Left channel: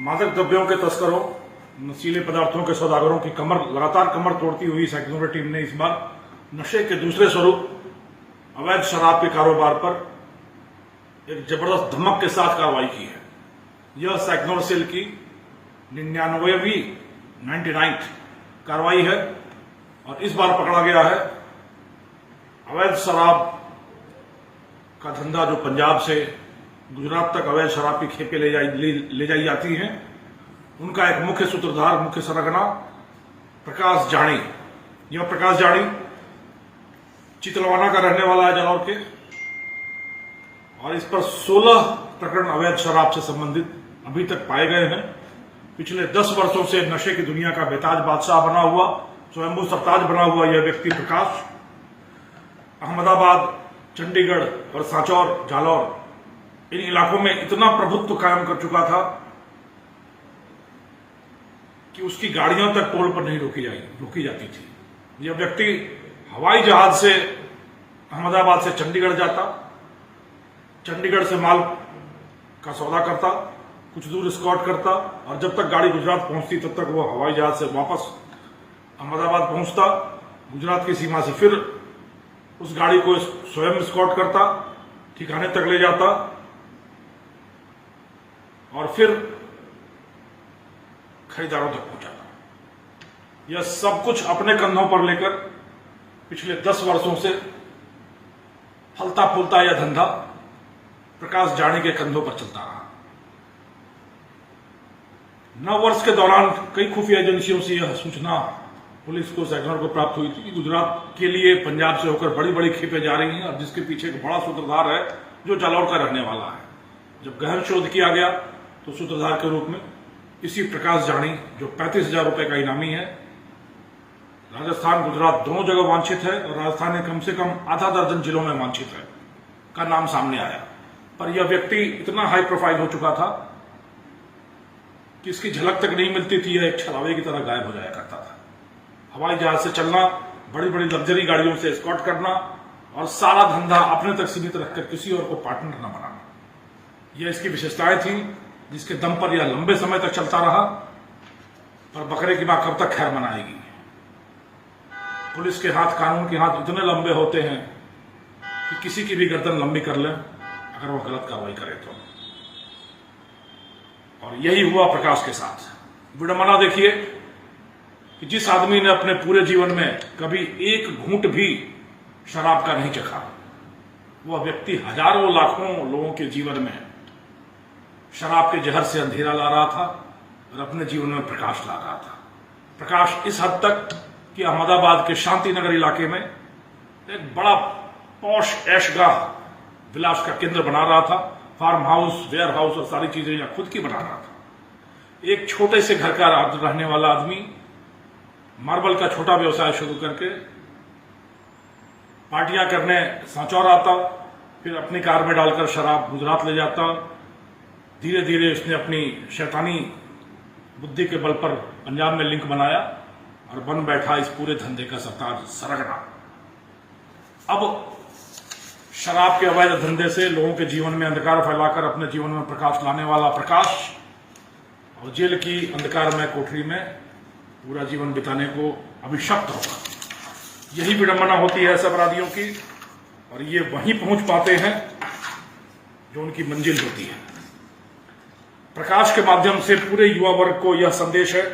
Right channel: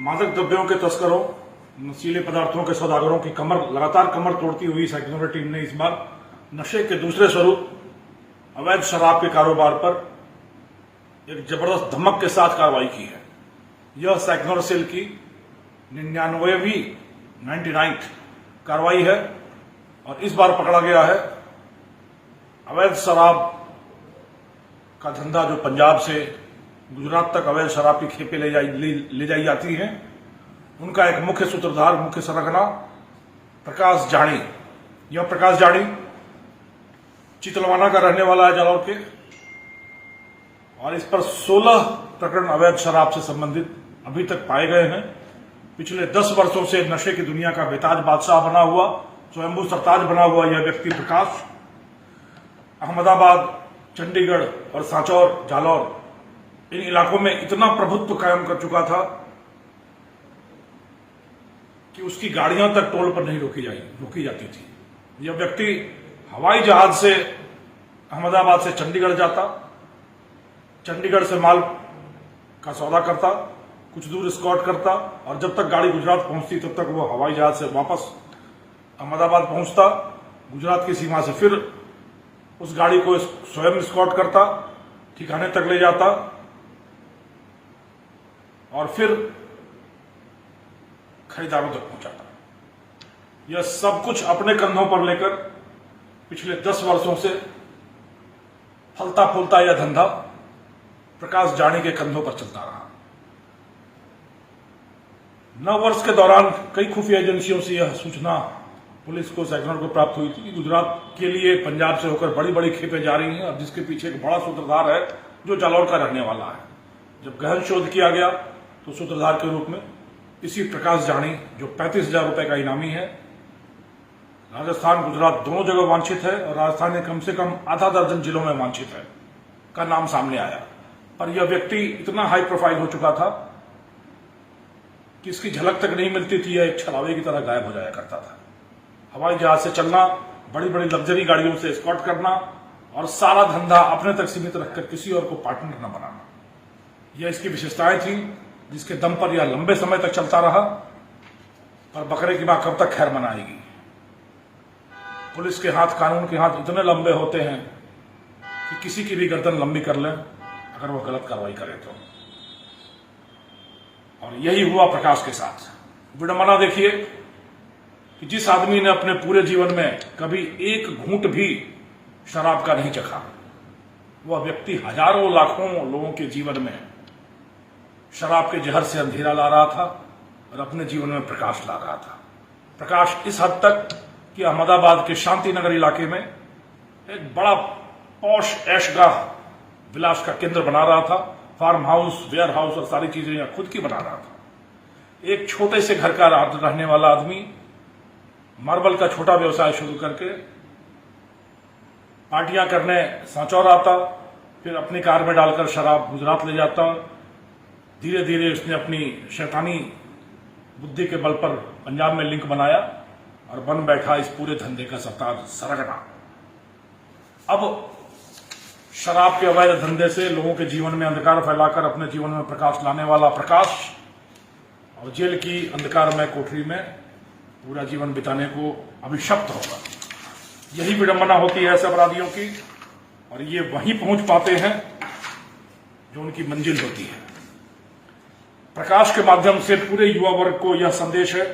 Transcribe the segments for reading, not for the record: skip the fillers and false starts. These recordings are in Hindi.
मादक द्रव्यों के तस्करों, नशीले पदार्थों के सौदागरों की लगातार कमर तोड़ती हुई सेक्युलर टीम ने इस बार नशे के दूसरे स्वरूप अवैध शराब के कारोबार पर एक जबरदस्त धमक के साथ कार्रवाई की है। यह सेक्युलर सेल की 99वीं कार्रवाई है और इस बार पकड़ा गया है अवैध शराब का धंधा जो पंजाब से गुजरात तक अवैध शराब की खेपें ले जाई जाती हैं। उनका एक मुख्य सूत्रधार, मुख्य सरगना प्रकाश जानी। यह प्रकाश जानी चितलवाना का रहने वाला है, जालौर के, और इस पर 16 प्रकरण अवैध शराब से संबंधित अभी तक पाए गए हैं। पिछले 10 वर्षों से नशे की दुनिया का बेताज बादशाह बना हुआ, स्वयंभू सरताज बना हुआ यह व्यक्ति प्रकाश अहमदाबाद, चंडीगढ़ और सांचौर, जालौर, इन इलाकों में इतना प्रभुत्व कायम कर चुका था कि उसकी गाड़ियां तक टोल पर नहीं रोकी जाती थी। यह व्यक्ति हवाई जहाज से अहमदाबाद से चंडीगढ़ जाता, चंडीगढ़ से माल का सौदा करता, कुछ दूर एस्कॉर्ट करता और जब तक गाड़ी गुजरात पहुंचती तब तक वो हवाई जहाज से वापस अहमदाबाद पहुंचता। गुजरात की सीमा से फिर उस गाड़ी को स्वयं एस्कॉर्ट करता, ठिकाने तक ले जाता और फिर खरीदारों तक पहुंचाता। यह सब कुछ अपने कंधों पर लेकर पिछले 10 वर्षों से फलता फूलता यह धंधा प्रकाश जानी के कंधों पर चलता रहा। 9 वर्ष के दौरान कई खुफिया एजेंसियों से यह सूचना पुलिस को, सेक्टर को प्राप्त हुई थी कि गुजरात के लिए पंजाब से होकर बड़ी बड़ी खेपें जा रही हैं और जिसके पीछे एक बड़ा सूत्रधार है जो जालौर का रहने वाला है। जब गहन शोध किया गया तो सूत्रधार के रूप में इसी प्रकाश जानी, जो 35,000 रुपए का इनामी है, राजस्थान गुजरात दोनों जगह वांछित है और राजस्थान में कम से कम आधा दर्जन जिलों में वांछित है, का नाम सामने आया। पर यह व्यक्ति इतना हाई प्रोफाइल हो चुका था कि इसकी झलक तक नहीं मिलती थी। यह एक छलावे की तरह गायब हो जाया करता था। हवाई जहाज से चलना, बड़ी बड़ी लग्जरी गाड़ियों से एस्कॉर्ट करना और सारा धंधा अपने तक सीमित रखकर किसी और को पार्टनर न बनाना, यह इसकी विशेषताएं थी, जिसके दम पर यह लंबे समय तक चलता रहा। पर बकरे की मां कब तक खैर मनाएगी। पुलिस के हाथ, कानून के हाथ इतने लंबे होते हैं कि किसी की भी गर्दन लंबी कर लें अगर वो गलत कार्रवाई करे तो। और यही हुआ प्रकाश के साथ। विडंबना देखिए कि जिस आदमी ने अपने पूरे जीवन में कभी एक घूंट भी शराब का नहीं चखा, वह व्यक्ति हजारों लाखों लोगों के जीवन में शराब के जहर से अंधेरा ला रहा था और अपने जीवन में प्रकाश ला रहा था। प्रकाश इस हद तक कि अहमदाबाद के शांति नगर इलाके में एक बड़ा पॉश ऐशगाह विलास का केंद्र बना रहा था। फार्म हाउस, वेयर हाउस और सारी चीजें यहां खुद की बना रहा था। एक छोटे से घर का रहने वाला आदमी मार्बल का छोटा व्यवसाय शुरू करके पार्टियां करने सांचौर आता, फिर अपनी कार में डालकर शराब गुजरात ले जाता। धीरे धीरे उसने अपनी शैतानी बुद्धि के बल पर पंजाब में लिंक बनाया और बन बैठा इस पूरे धंधे का सरगना। अब शराब के अवैध धंधे से लोगों के जीवन में अंधकार फैलाकर अपने जीवन में प्रकाश लाने वाला प्रकाश और जेल की अंधकारमय कोठरी में पूरा जीवन बिताने को अभिशप्त होगा। यही विडंबना होती है ऐसे अपराधियों की, और ये वहीं पहुंच पाते हैं जो उनकी मंजिल होती है। प्रकाश के माध्यम से पूरे युवा वर्ग को यह संदेश है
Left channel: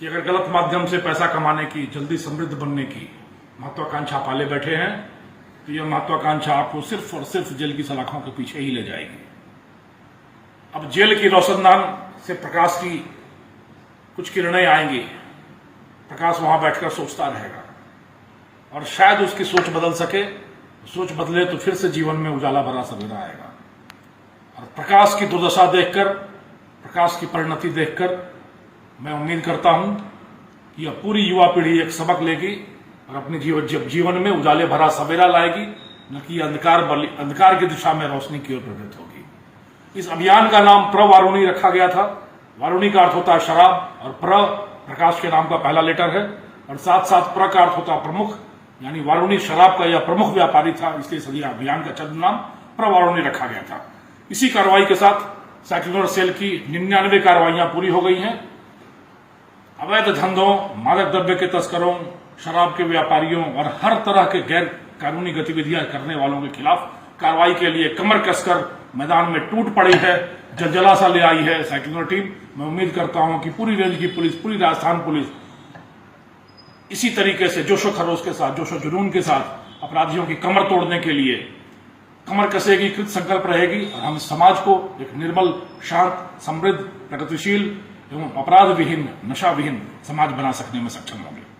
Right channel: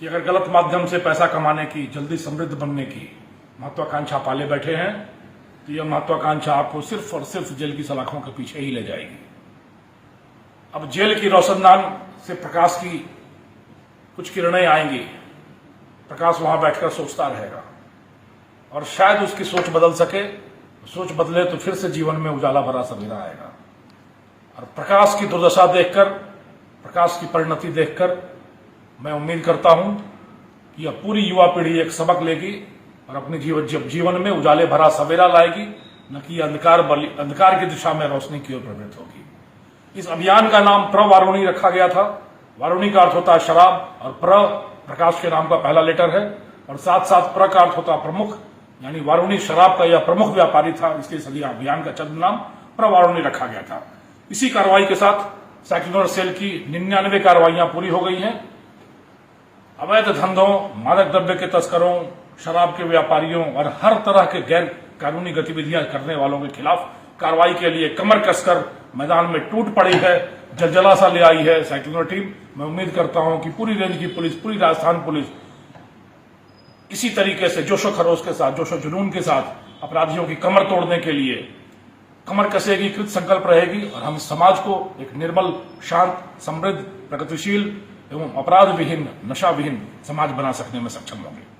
कि अगर गलत माध्यम से पैसा कमाने की, जल्दी समृद्ध बनने की महत्वाकांक्षा पाले बैठे हैं तो यह महत्वाकांक्षा आपको सिर्फ और सिर्फ जेल की सलाखों के पीछे ही ले जाएगी। अब जेल की रोशनदान से प्रकाश की कुछ किरणें आएंगी। प्रकाश वहां बैठकर सोचता रहेगा और शायद उसकी सोच बदल सके। सोच बदले तो फिर से जीवन में उजाला भरा सवेरा आएगा। और प्रकाश की दुर्दशा देखकर, प्रकाश की परिणति देखकर मैं उम्मीद करता हूं कि यह पूरी युवा पीढ़ी एक सबक लेगी और अपने जीवन में उजाले भरा सवेरा लाएगी, न कि अंधकार की दिशा में रोशनी की ओर प्रवृत्त होगी। इस अभियान का नाम प्रवारुणी रखा गया था। वारुणी का अर्थ होता है शराब और प्रकाश के नाम का पहला लेटर है, और साथ साथ प्र का अर्थ होता है प्रमुख, यानी वारुणी शराब का यह प्रमुख व्यापारी था, इसलिए सदी अभियान का चंद नाम प्रवारुणी रखा गया था। इसी कार्रवाई के साथ साइक्लोनर सेल की 99 कार्रवाइयां पूरी हो गई हैं। अवैध धंधों, मादक द्रव्य के तस्करों, शराब के व्यापारियों और हर तरह के गैर कानूनी गतिविधियां करने वालों के खिलाफ कार्रवाई के लिए कमर कसकर मैदान में टूट पड़ी है, जलजला सा ले आई है साइक्लोनर टीम। मैं उम्मीद करता हूं कि पूरी रेंज की पुलिस, पूरी राजस्थान पुलिस इसी तरीके से जोशो खरोश के साथ, जोशो जुनून के साथ अपराधियों की कमर तोड़ने के लिए कमर कसेगी, कृत संकल्प रहेगी और हम समाज को एक निर्मल, शांत, समृद्ध, प्रगतिशील एवं अपराध विहीन, नशा विहीन समाज बना सकने में सक्षम होंगे।